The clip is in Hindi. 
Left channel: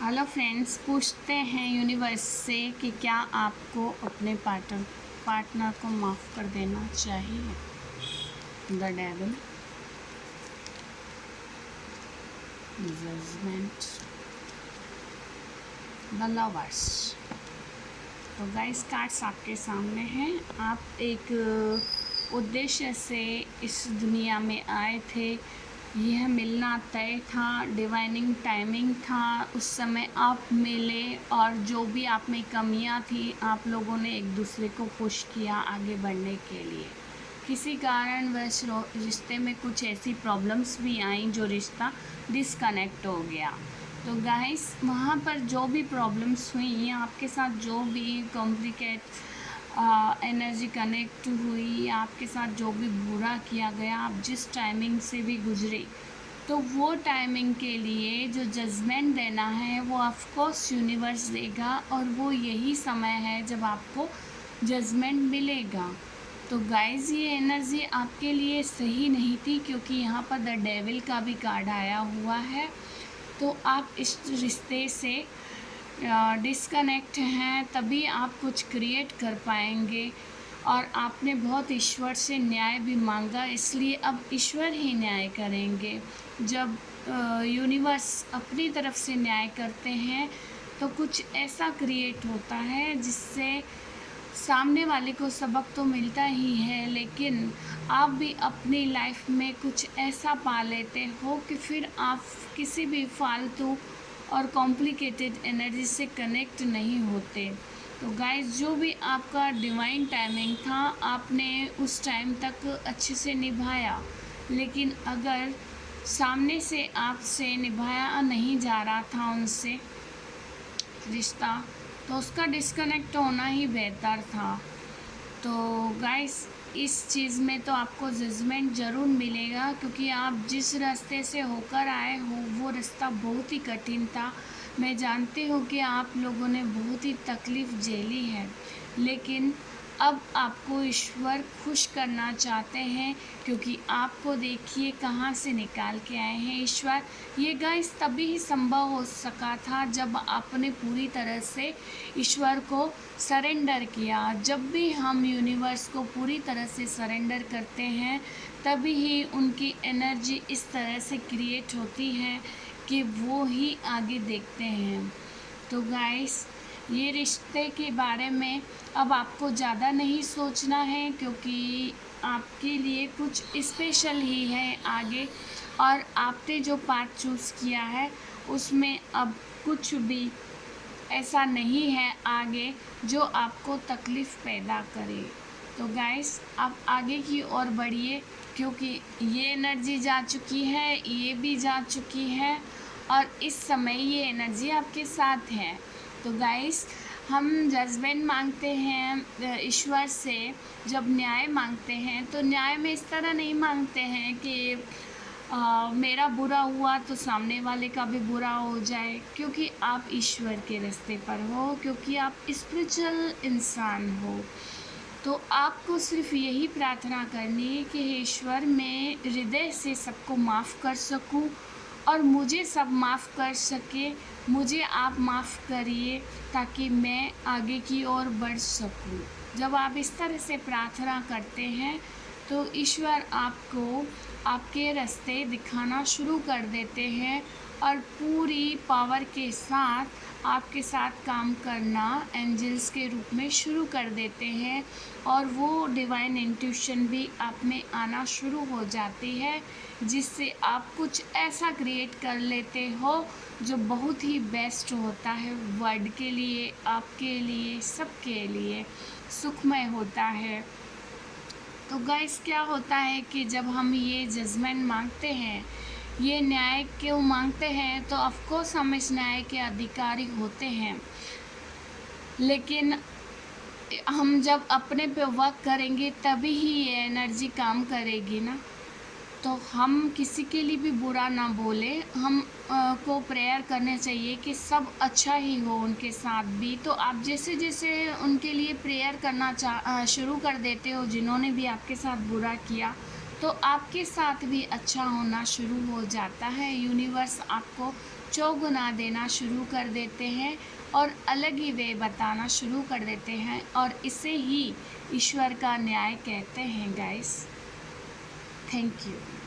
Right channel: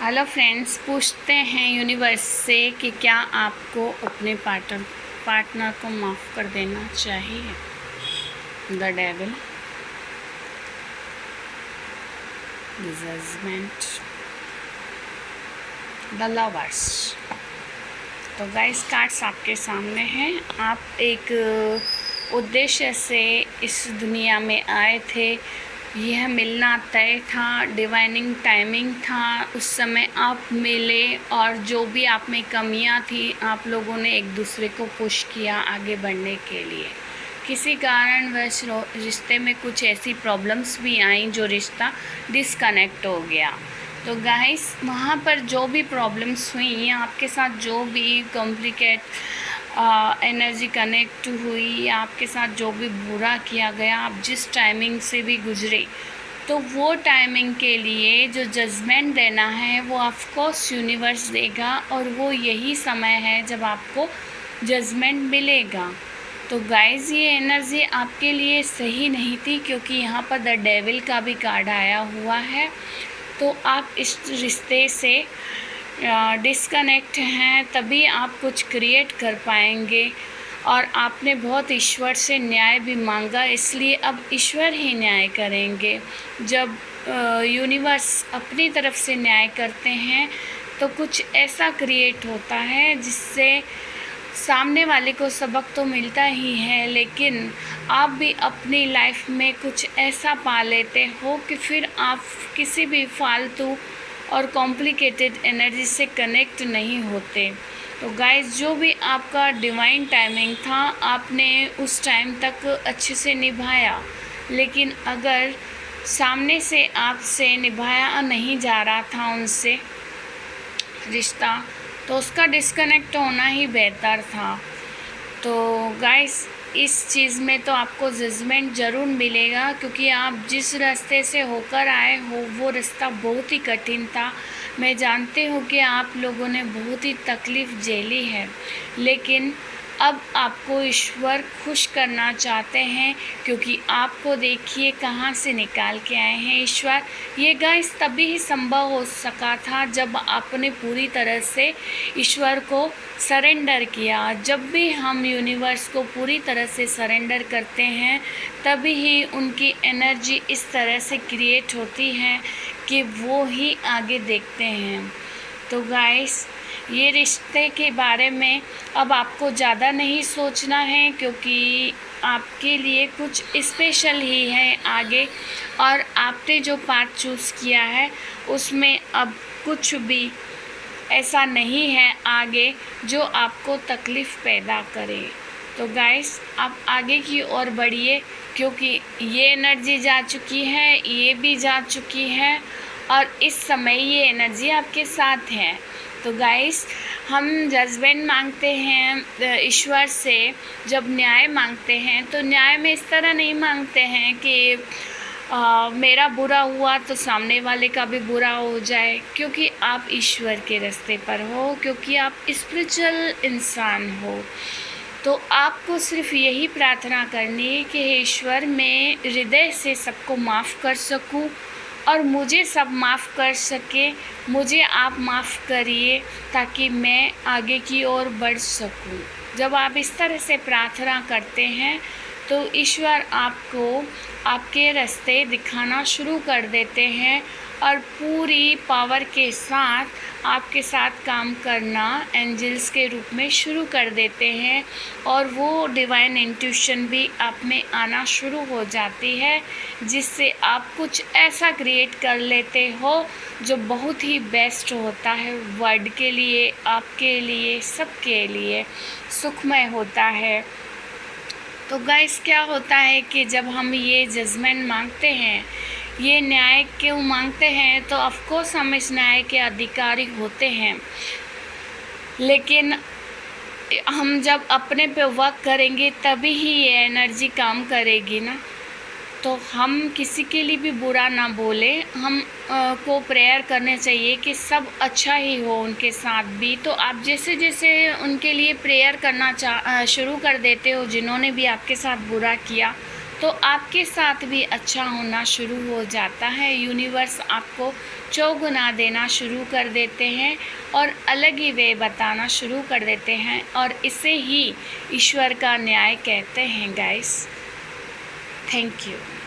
हेलो फ्रेंड्स, पूछते हैं यूनिवर्स से कि क्या आपको अपने पार्टनर को माफ़ कर देना चाहिए। The devil, the judgement, the lovers. तो गाइस, कार्ड्स आपके सामने हैं। आप एक उद्देश्य से इस दुनिया में आए थे। यह मिलना तय था, डिवाइनिंग टाइमिंग था। उस समय आप मिले और जो भी आप में कमियां थी, आप लोगों ने एक दूसरे को पुश किया आगे बढ़ने के लिए। किसी कारणवश रिश्ते में कुछ ऐसी प्रॉब्लम्स भी आईं जो रिश्ता डिस्कनेक्ट हो गया। तो गाइस, वहाँ पर जो भी प्रॉब्लम्स हुई, आपके साथ जो भी कॉम्प्लिकेट एनर्जी कनेक्ट हुई या आपके साथ जो भी बुरा किया गया, आप जिस टाइमिंग से भी गुजरे, तो वो टाइमिंग के लिए जो जजमेंट देना है वो ऑफ कोर्स यूनिवर्स देगा। और वो यही समय है जब आपको जजमेंट मिलेगा। तो गाइज़, ये एनर्जी आपके लिए सही नहीं थी, क्योंकि यहाँ पर द डेविल का भी कार्ड आया हुआ है। तो आप इस रिश्ते से डिस्कनेक्ट हैं, तभी आप कुछ क्रिएट कर पाएंगे। और आपने बहुत ईश्वर से न्याय भी मांगा, इसलिए अब ईश्वर ही न्याय करेंगे। जब यूनिवर्स अपनी तरफ से न्याय करते हैं तो कुछ ऐसा क्रिएट होता है जिससे सामने वाले को सबक तो मिलता ही है, लेकिन आप भी अपनी लाइफ में कुछ ऐसा पा लेते हो कि फिर आप किसी भी फालतू और कॉम्प्लिकेटेड एनर्जी से कनेक्ट नहीं होते। तो गाइस, जो भी आपका डिवाइन टाइमिंग था, आपने उस टाइम तक अच्छे से निभाया। लेकिन अगर सामने से आपसे निभाया नहीं जा रहा था उनसे रिश्ता, तो उसका डिस्कनेक्ट होना ही बेहतर था। तो गाइस, इस चीज़ में तो आपको जजमेंट ज़रूर मिलेगा, क्योंकि आप जिस रास्ते से होकर आए हो वो रास्ता बहुत ही कठिन था। मैं जानती हूँ कि आप लोगों ने बहुत ही तकलीफ़ झेली है, लेकिन अब आपको ईश्वर खुश करना चाहते हैं, क्योंकि आपको देखिए कहाँ से निकाल के आए हैं ईश्वर। ये गाइस तभी ही संभव हो सका था जब आपने पूरी तरह से ईश्वर को सरेंडर किया। जब भी हम यूनिवर्स को पूरी तरह से सरेंडर करते हैं, तभी ही उनकी एनर्जी इस तरह से क्रिएट होती है कि वो ही आगे देखते हैं। तो गाइस, ये रिश्ते के बारे में अब आपको ज़्यादा नहीं सोचना है, क्योंकि आपके लिए कुछ स्पेशल ही है आगे। और आपने जो पाथ चूज़ किया है उसमें अब कुछ भी ऐसा नहीं है आगे जो आपको तकलीफ़ पैदा करे। तो गाइस, आप आगे की ओर बढ़िए, क्योंकि ये एनर्जी जा चुकी है, ये भी जा चुकी है, और इस समय ये एनर्जी आपके साथ है। तो गाइस, हम जजमेंट मांगते हैं ईश्वर से। जब न्याय मांगते हैं तो न्याय में इस तरह नहीं मांगते हैं कि मेरा बुरा हुआ तो सामने वाले का भी बुरा हो जाए, क्योंकि आप ईश्वर के रास्ते पर हो, क्योंकि आप स्पिरिचुअल इंसान हो। तो आपको सिर्फ यही प्रार्थना करनी है कि हे ईश्वर, मैं हृदय से सबको माफ़ कर सकूं और मुझे सब माफ़ कर सके। मुझे आप माफ़ करिए ताकि मैं आगे की ओर बढ़ सकूं। जब आप इस तरह से प्रार्थना करते हैं तो ईश्वर आपको आपके रास्ते दिखाना शुरू कर देते हैं और पूरी पावर के साथ आपके साथ काम करना एंजल्स के रूप में शुरू कर देते हैं। और वो डिवाइन इंट्यूशन भी आप में आना शुरू हो जाती है, जिससे आप कुछ ऐसा क्रिएट कर लेते हो जो बहुत ही बेस्ट होता है वर्ल्ड के लिए, आपके लिए, सबके लिए सुखमय होता है। तो गाइस, क्या होता है कि जब हम ये जजमेंट मांगते हैं, ये न्याय क्यों मांगते हैं, तो ऑफकोर्स हम इस न्याय के अधिकारी होते हैं। लेकिन हम जब अपने पे वर्क करेंगे तभी ही ये एनर्जी काम करेगी ना। तो हम किसी के लिए भी बुरा ना बोले, हम को प्रेयर करने चाहिए कि सब अच्छा ही हो उनके साथ भी। तो आप जैसे जैसे उनके लिए प्रेयर करना शुरू कर देते हो, जिन्होंने भी आपके साथ बुरा किया, तो आपके साथ भी अच्छा होना शुरू हो जाता है। यूनिवर्स आपको चौगुना देना शुरू कर देते हैं और अलग ही वे बताना शुरू कर देते हैं, और इसे ही ईश्वर का न्याय कहते हैं गाइस। Thank you.